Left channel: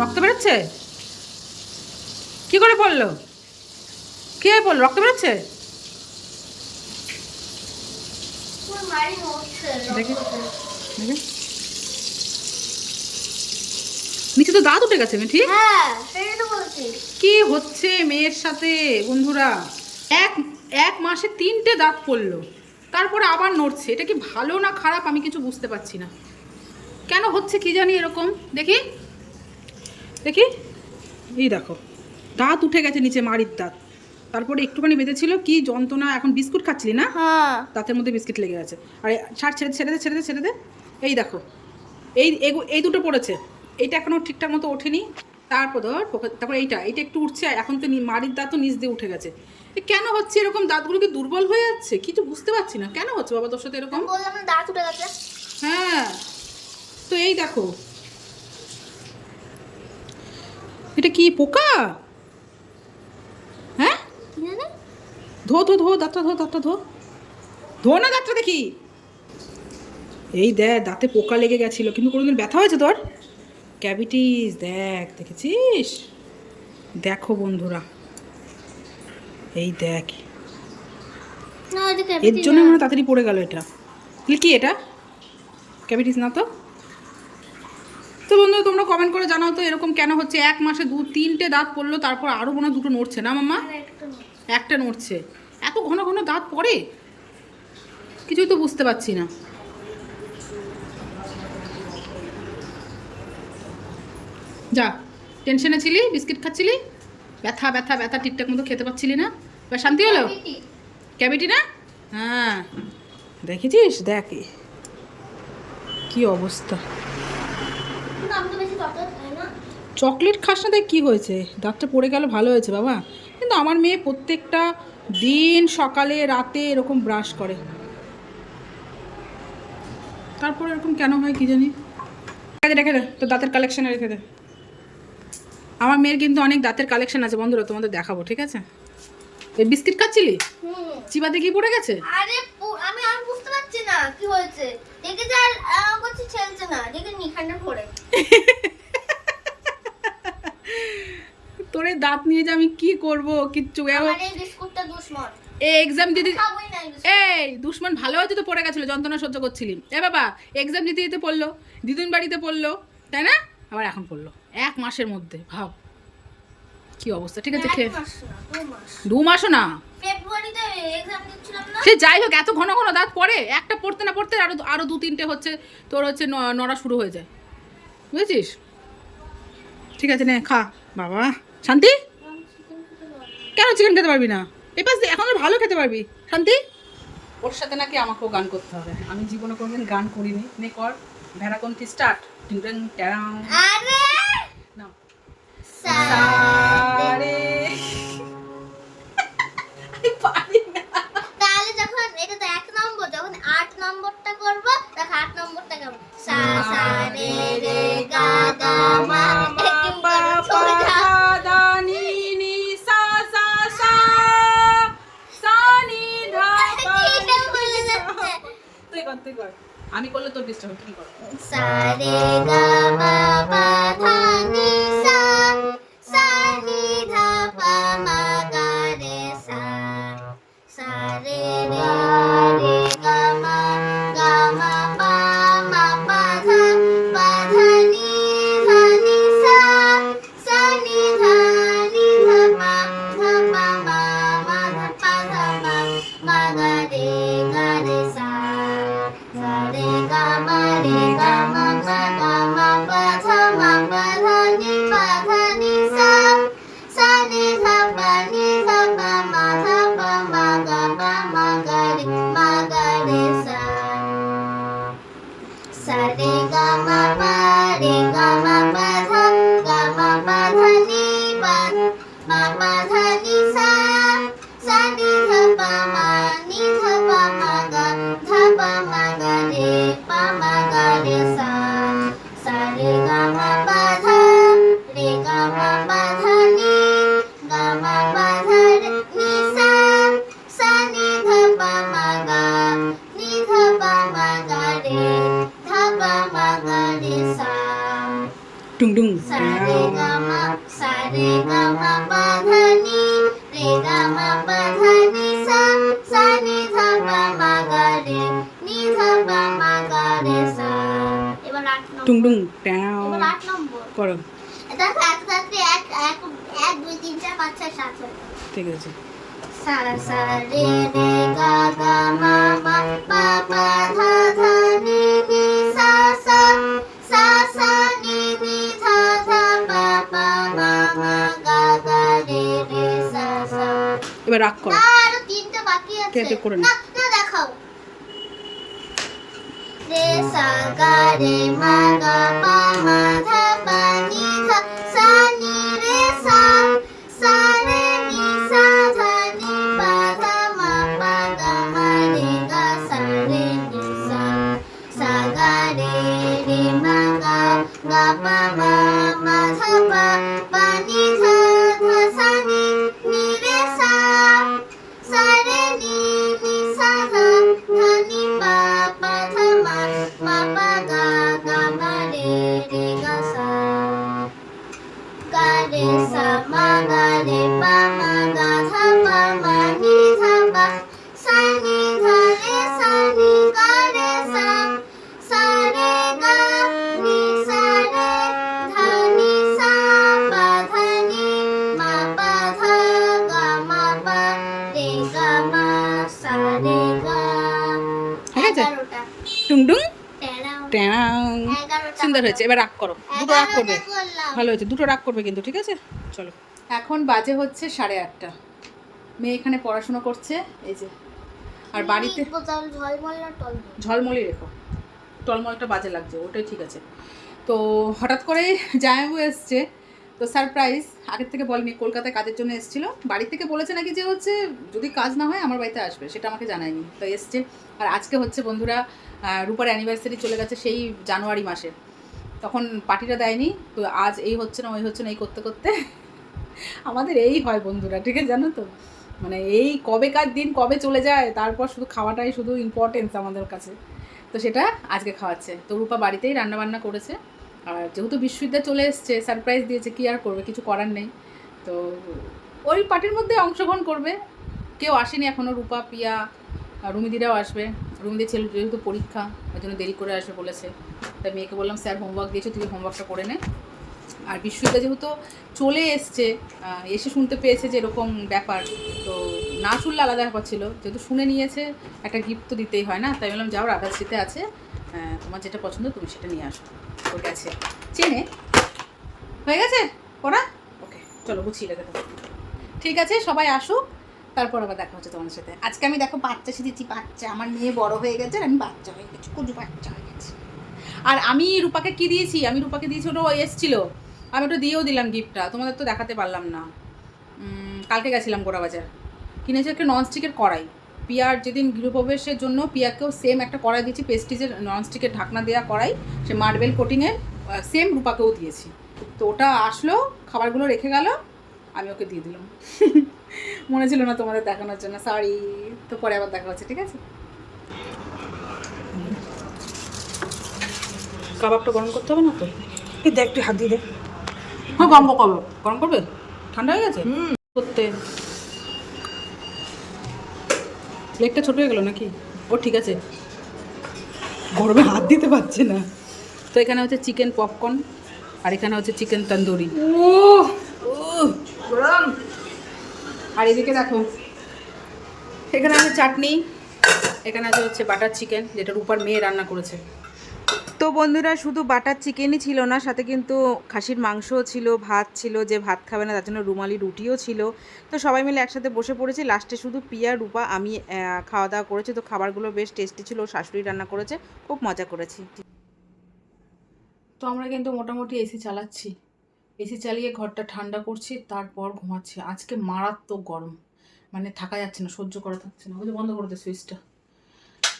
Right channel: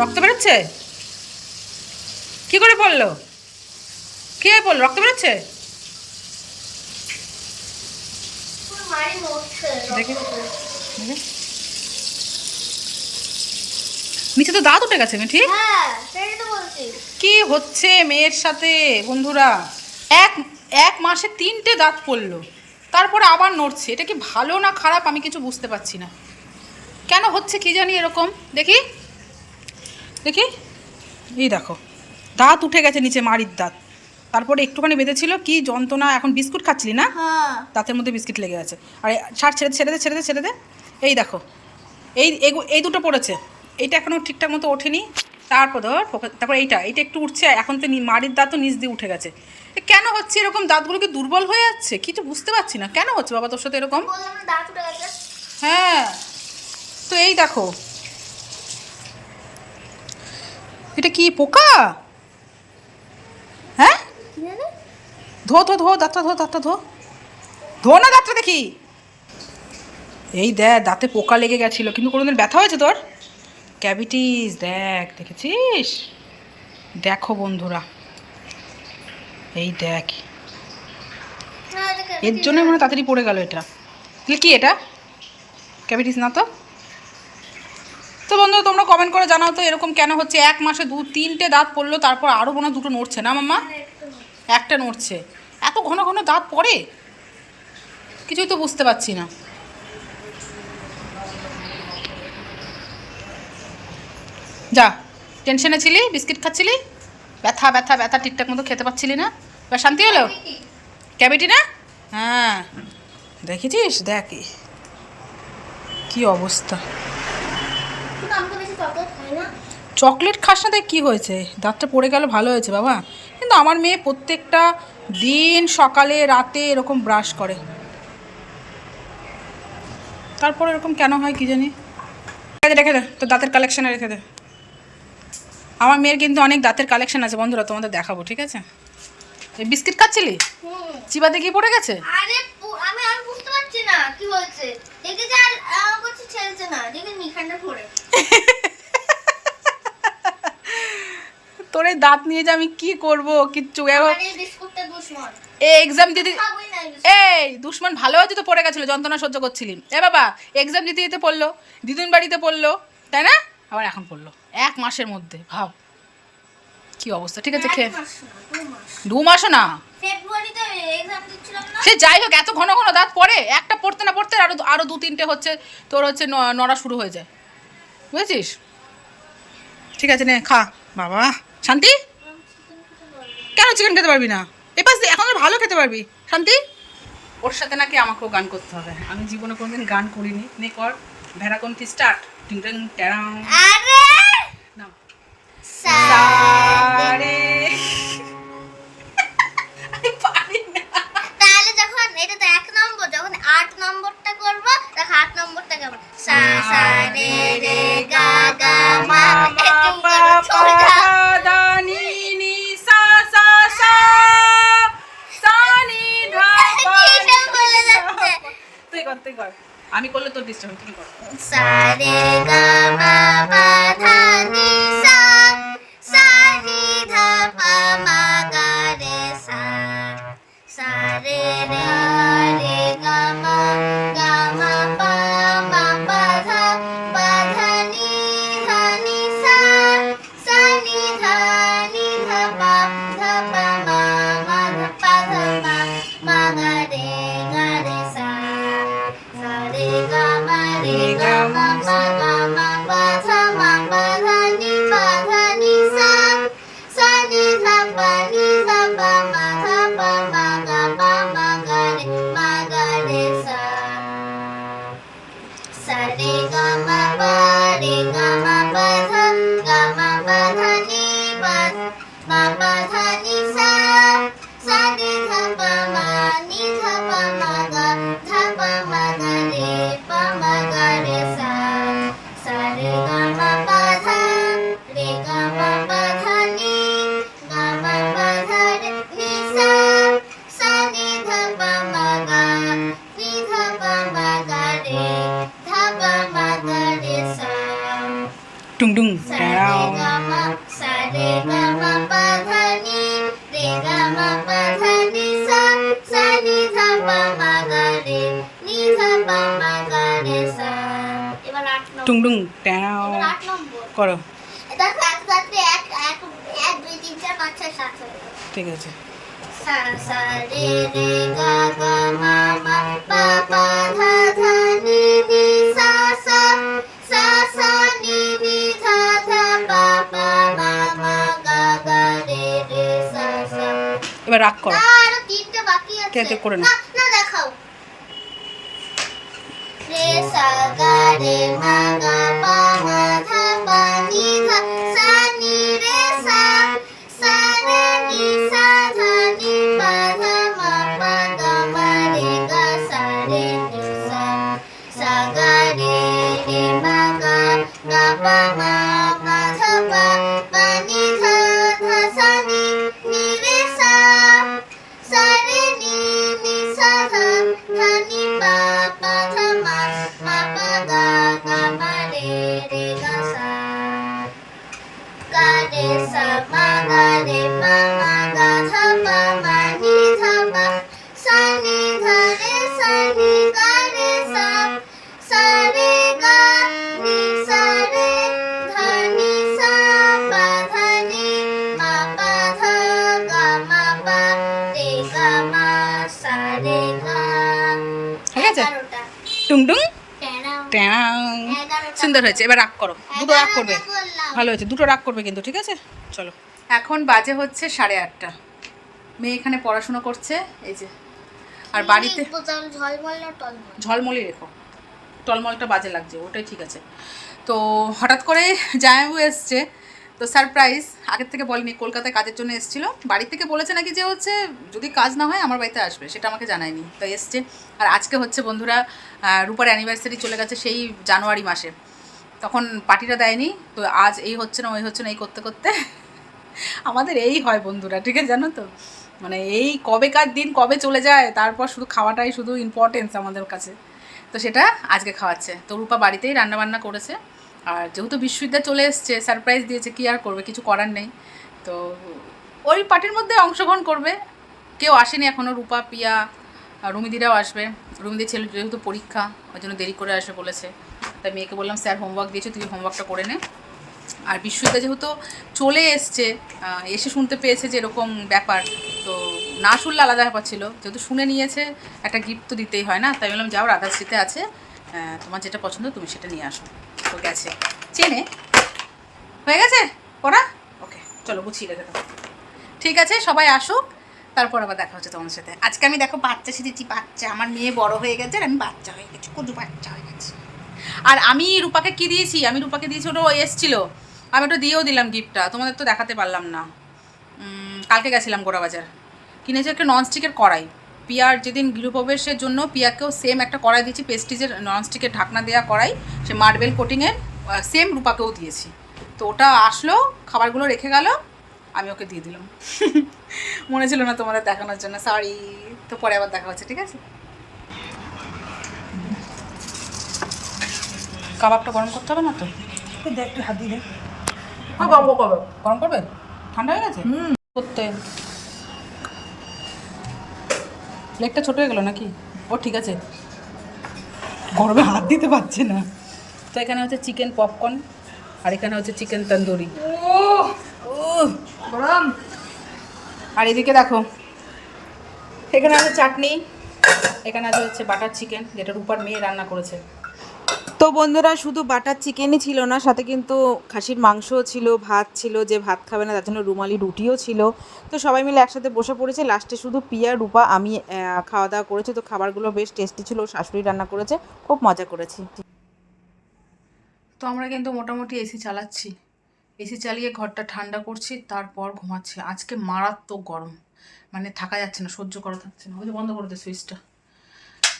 রক্ত বেরোচ্ছে? কি করে পড়লো? কি হয়ে পড়লো? রক্ত বেরোচ্ছে? দেখি দেখি। নিচে তো দাঁত উঠে গেছে মিঠি। কি হচ্ছে মেয়ের সাথে বন্ধুরা? এক এক মাসে 3টে দাঁত পড়লো, তারপরে আবার নড়ছে। এটা কি ভালো না খারাপ আমি কিছু বুঝতে পারছি না। কেন হচ্ছে কি জানি এরকম। দেখি দেখি, এই দেখো দাঁত উঠে গেছে নিচে, মাড়ির দাঁত। তারপরে একটুখানি বেঁধেছিল, কি যন্ত্রণা। এখন বিস্কুট খাচ্ছিলি না? দাঁতের মধ্যে বিস্কিট লেগে আছে। আর ছাড়, ছেড়ে ছেড়ে দে ছেড়ে দে ছেড়ে দে। এই দেখো এই এই দুটো পড়েছে, এইটা এখনও ঠিকঠাক মতো ওঠেনি। তারপর ধর তারপর এইটা এইটা একটু উঠছে। এখন তো মাড়ির দাঁতও নিচ দিয়ে উঠে গেছে। কেন হচ্ছে এরকম? দাঁতগুলো কি দুর্বল হয়ে যাচ্ছে? কিছু বুঝতে পারছি না কেন হচ্ছে বাবা তোর সাথে এরকম। হ্যাঁ, তো এই দেখো, এটা কি পোকা? হ্যাঁ, ধো ধো ধো দাঁতটা, ধো দাঁতটা, ধো ধো না দাঁতটা দেখি। এই দেখ দাঁতে পোকা লেগে গেছিল, কিন্তু কোনোদিন ব্যথা হয়েছে তোর? ক্যাভিটিস, দেখ, দেখেছিস? দেখো বন্ধুরা, এই দেখ, এর জন্য মনে হয় তাড়াতাড়ি পড়ে গেল এটা। তাহলে কি এটা ক্যাভিটিস না তো? তো বন্ধুরা তোমরা কমেন্ট করে জানাও তো এরকম কেন হচ্ছে। এক মাসে 2-3টে দাঁত পড়লো, তারপর আরও মনে হয় 2টো নড়ছে না মাম্মা? একটা নড়ছে। এত ঘন ঘন দাঁত পড়ে, কিছুই তো বুঝতে পারছি না। যা, টেনশনে ছিলি, বিস্কিট খাচ্ছিলি, ব্যথা ব্যথা ব্যথা, ঠিকঠাক মতো খেতে পাচ্ছিলি না, এবার শান্তি হলো? ক্যাভিটি না? হ্যাঁ, দেখেছিস? দেখ কি অবস্থা। চকলেট খাস না, দেখ কী হয়েছে, দাঁতটা পড়ে গেল, ভালো হয়েছে বাবা। কিন্তু আমার মেয়ে প্রত্যেকটা দিন সকালে রাতে এরকম ব্রাশ করে, তারপর এরকম কেন হয় কি জানি। রেখে দে তো, দাঁতের কালেকশানে রেখে দে। আমার মেয়ের কিন্তু অনেক দাঁতের কালেকশন আছে বন্ধুরা, তোমাদের দেখাবো, ঠিক আছে? এই বিস্কিট খাচ্ছিলি, চিবাতে গিয়ে পড়ে গেছে। আরে আমি আর বুঝতে পারছি না কি হয়েছে। দেখে যা আর কিছু ছেলছে না, দেখে নিখান্ডা পড়ে। তোর এই দাঁত নিয়ে যে আমি কি করব কিচ্ছু। এই বিস্কুটটা দুশমন। এই এক্সাম দিদি, এই দুশ্মন ভালো হয়েছে তো, পড়ে গেছিলো, যন্ত্রণা সহ্য করছিলি। বাবা এক্সাম দিতে দিতে পড়লো, দিদুন বাড়িতে পড়লো, তাই না? আবার এখন পড়লো 1 মাসের মধ্যে, ভাব কি অবস্থা। ঠিক আছে, খেয়ে 2 মাসও না, ফেব্রুয়ারিতে এক্সাম দিচ্ছিলাম না। সে যাই হোক, এত ঘন ঘন দাঁত পড়ে, একটা পড়তে না পড়তে আরো 2-3টে হচ্ছে তোর হচ্ছে নড়া শুরু হয়ে যায়, বুঝেছিস? ঠিক আছে নে খা বাবা, শান্তি। কেন চিকেন খেতে পারবি না? এপাশ দিয়ে এখন ভালো খেতে পারবি শান্তি। ওর সাথে নাকি আমাকেও গান করতে হবে, আমি জীবনে কোনোদিন গান করিনি। নে কর, ভেড়াকন্তি স্টার্ট। টিং টিং ট্যারাং। আরে নাও। সারে। আমি পারি না। তাহলে যখন এটা তো 1 নম্বর, যখন 8 নম্বরটা করব তখন 8 নম্বরটা গাবো। সা সা রে রে গা গা মা পা পা পা ধা নি নি সা সা সা সা নি ধা পা নি। তুই কর, তুই কর, আমি করলে তোর ডিস্টার্ব, তুমি করো। সা রে গা মা পা ধা নি সা সা নি ধা পা মা গা রে সা সা রে রে গা মা পা মা পা ধা নি সা সা নি ধা পা মা মা ধা পা ধা মা গা রে সা সা রে গা মা পা মা পা ধা নি সা সা নি ধা পা মা গা রে সা সা রে গা মা পা রে গা মা পা ধা নি মা ধা নি সা সা নি ধা পা মা গা রে সা সা রে গা মা পা ধা নি গা মা পা ধা নি সা সা নি ধা পা মা গা রে সা। টুংডুং sa re ga ma sa re ga ma pa dha ni re ga ma pa dha ni sa sa ni dha pa ma ga re ni dha pa ma ga re sa এবার 8 নম্বর টুংডুং ট্যাও এবার 8 নম্বর করো। দেখো একসাথে এক এক 1 2 3 4 5 6 7 হয়ে গেল ঠিক আছে। sa sa re re ga ga ma ma pa pa dha dha ni ni sa sa sa sa ni ni dha dha pa pa ma ma ga ga re re sa sa এবার রাগ করো। না আরো তিনটা বাকি আছে কে কে করে না। না না দেখাও re sa ga re ma ga pa ma dha pa ni dha sa ni re sa sa re ni sa dha ni pa dha ma pa ga ma re ga sa re ni sa sa ga re re ma ga pa ma ma dha pa pa ni dha dha sa ni ni re sa sa re ni ni sa dha dha ni pa pa dha ma ma pa ga ga ma re ga sa ga re sa ma ga re pa ma ga dha pa ma ni dha pa sa ni dha re sa ni ga re sa sa re ga ni sa re dha ni sa pa dha ni ma pa dha ga ma pa re ga ma sa re ga ঠিক আছে। 11টা টুংডুং 13 ট্যাও 11টা সুন্দর হয়েছে। এবার রাগ করো, দুটো রাগ করবে। 11টা করলাম। ভালো হয়েছে, দুটো রাগ করবে কিন্তু, ঠিক আছে। চলো, এখন বাজে হচ্ছে 8:30। মেয়ে এখানে পড়াশোনা করছে, এই যে। আর বাড়িতে বোতাম ঝলমল না টলমল ঝলমলি রেখো, টলমলটা বাজে লাগছে, ওটাই ঠিক আছে। তো হঠাৎ করে জামাইবাবু এসছে, তো সারপ্রাইজ, আগের থেকে বলেনি, কলকাতায় কাজের জন্য এসেছিলো। বাড়ি থেকে বলেছে নাকি যে হচ্ছে যদি কাজ না হয় আমার বাড়িতে আসবে, সেটা আমাকে জানায়নি, তো এসছে। আর আজকে হচ্ছে বন্ধুরা রূপার অ্যানিভার্সারি চলে গেছে সেই জানুয়ারি মাসে, তখন পার্টিটা দেয়নি। তো আজ এই হচ্ছে না ওই হচ্ছে না, এই করতে করতে আমাদের এই হয় বন্ধুরা, ঠিক আছে, জানো তো, মানে এই কবেকার দিন কবে চলে যায়, তারপর শুধু খাওয়াটাই শুধু ইম্পর্টেন্স আমাদের কাছে। তো সেটা আজকে খাওয়াচ্ছে। তো রূপা বাড়িতেই রান্নাবান্না করেছে, আর যেহেতু বিশ্ববিদ্যালয় চলে এসছে, সারপ্রাইজ দিয়েছে, কী আর করবে, কিছু করার নেই। তো ওই পার্টির মধ্যে অংশগ্রহণ করবে। কেউ আসেনি এখনও, রূপা, পিয়া, রুমিদিরাও আসবে। রুমিদির ছেলে যেহেতু পরীক্ষা, ওই জন্য দেরি করে আসবে বলেছে। তাই মেয়েকে বললাম স্যার হোমওয়ার্ক দিয়েছে, তুই হোমওয়ার্কটা করে নে। আর বিশ্ববিদ্যালয় যেহেতু চলে এসছে, এসে শুনতে পেয়েছে যে এরকম ব্যাপার, তো না শুনলে আলাদা ব্যাপার ছিল, যেহেতু শুনে নিয়েছে একটা গিফট তো দিতেই হয় না। তাই বললাম যাও, রাধাশ্রীতে আছে, তোমার যেটা পছন্দ তুমি সেটা নিয়ে আসো। তো গেছে, চেনে হয়ে গেছে পড়া, ওকে চলো গুছিয়ে রেখে দেবো। ঠিক আছে, সবাই আসুক, তারপর আবার দেখা হচ্ছে তোমাদের সাথে। আজকে আমি দেখো বাচ্চা সেজেছি, বাচ্চা, আমার মেয়ে বড় হয়ে গেছে আর আমি বাচ্চা হয়ে গেছি, কুজু বাচ্চা হয়ে গেছে। আর আমি রূপাকে কি দিয়েছি, আমি রূপাকে দিয়েছি, ওটা এসেছিলো, আমি ওটা দিয়েও দিলাম গিফটটা, তোমাদের তো দেখাতে পারলাম না। কালকে গেছিলাম গোড়াবাজার, কিনেছি একটা ননস্টিকের কড়াই। পিয়ার যেদিন গৃহপ্রবেশের জন্য পিয়াকেও সেম একটা কড়াই দিয়েছি, পেস্টিজের ননস্টিকের ঢাকনা দেওয়া কড়াই, সে মার্বেল কোটিংয়ের, সেম রূপাকেও দিয়েছি। তো ওটা আসলো, খাবারগুলো রেখে গেল, আমি ওকে দিয়ে দিলাম। মনে ছিল না তোমাদের দেখানোর জন্য, সরি। তো পরে আবার দেখা হচ্ছে, ঠিক আছে। কাবাবটা গরম করতে হবে না তো? দেখ একটু হাত দিয়ে দে। গরম করবে, গরম করবে, ঠান্ডা হয়ে গেছে করতে। প্লেটটা ছোট হয়ে গেল নাকি? ও ঠিক আছে, গরমে হাত দিতে পারছে না। তো এখানে হচ্ছে চিকেন পপকর্ন, আর এখানে হচ্ছে চিকেন তন্দুরি। ও গরম। আর এদিকে দেখো, এখানে আছে চাটনি, এখানে আছে হচ্ছে বাটার চিকেন, যেটা রূপার মেয়ে রান্না করেছে। তো বন্ধুরা, শুধু বাটার চিকেনই ছিল না, সাথে কিন্তু খাসির মাংসও ছিল, ভাত ছিল, যে ভাত খাবে না তার জন্য রুমালি রুটিও ছিল। তো সবাই মিলে একসাথে বসে পড়েছে। লাস্টে শুধু পিয়া, রূপা, আমি খাওয়া দাওয়া করেছি। তো খাবারগুলো বেশ টেস্টি ছিল, শাশুড়ি রান্না করেছে, খুব মজা করেছি। তো আমরা কিন্তু মোটামুটি এসি চালাচ্ছি, এসি চালিয়ে ঘরটা ঠান্ডা করছি, তারপর ঘুমাচ্ছি। আজকে মারাত্মক গরম, মানে থাকা যাচ্ছে না, সহ্য করা থাকছে না। ওই যে বন্ধ করে দে সুইচটা।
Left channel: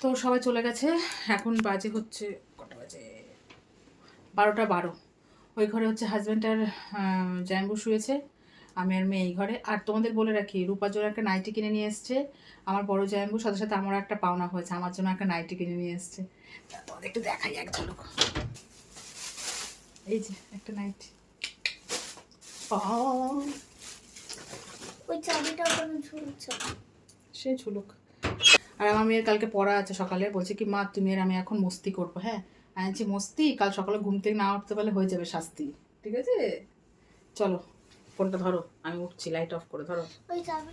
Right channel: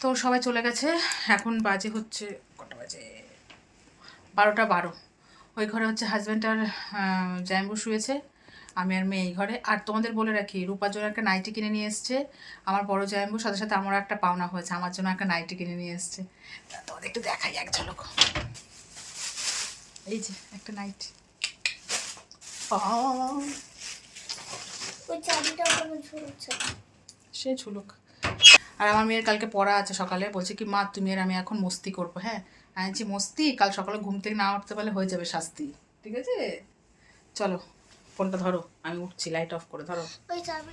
তো সবাই চলে গেছে, এখন বাজে হচ্ছে কটা বাজে, 12:12। ওই ঘরে হচ্ছে হাজব্যান্ড আর জামাইবাবু শুয়েছে, আমি আর মেয়ে এই ঘরে। আর তোমাদের বলে রাখি, রূপার জন্য একটা নাইটি কিনে নিয়ে এসছে আমার বড় জামাইবাবুর, সাথে সাথে আমারও একটা পাওনা হয়েছে, আমার জন্য একটা নাইটি কিনে নিয়ে এসছে। তোমাদের একটু দেখাই এক ঝলক। এই যে একটা নাইট। ওই চাবিটা ওখানে ঝুলছে। সে ঝুলুক। আর আমার মেয়ের কালকে পড়া আছে সকালে, বলছে কি মা তুমি আর আমি এখন মস্তি করবো। হ্যাঁ আমি বলছি মস্তি, কাল সকালে ঘুম থেকে না উঠতে পারলে হয়ে যাবে শাস্তি, ঠিক আছে? চলো ফোনটা ধরো, আমি উঠছি, লাইট অফ করে ধরো। ওই চাবি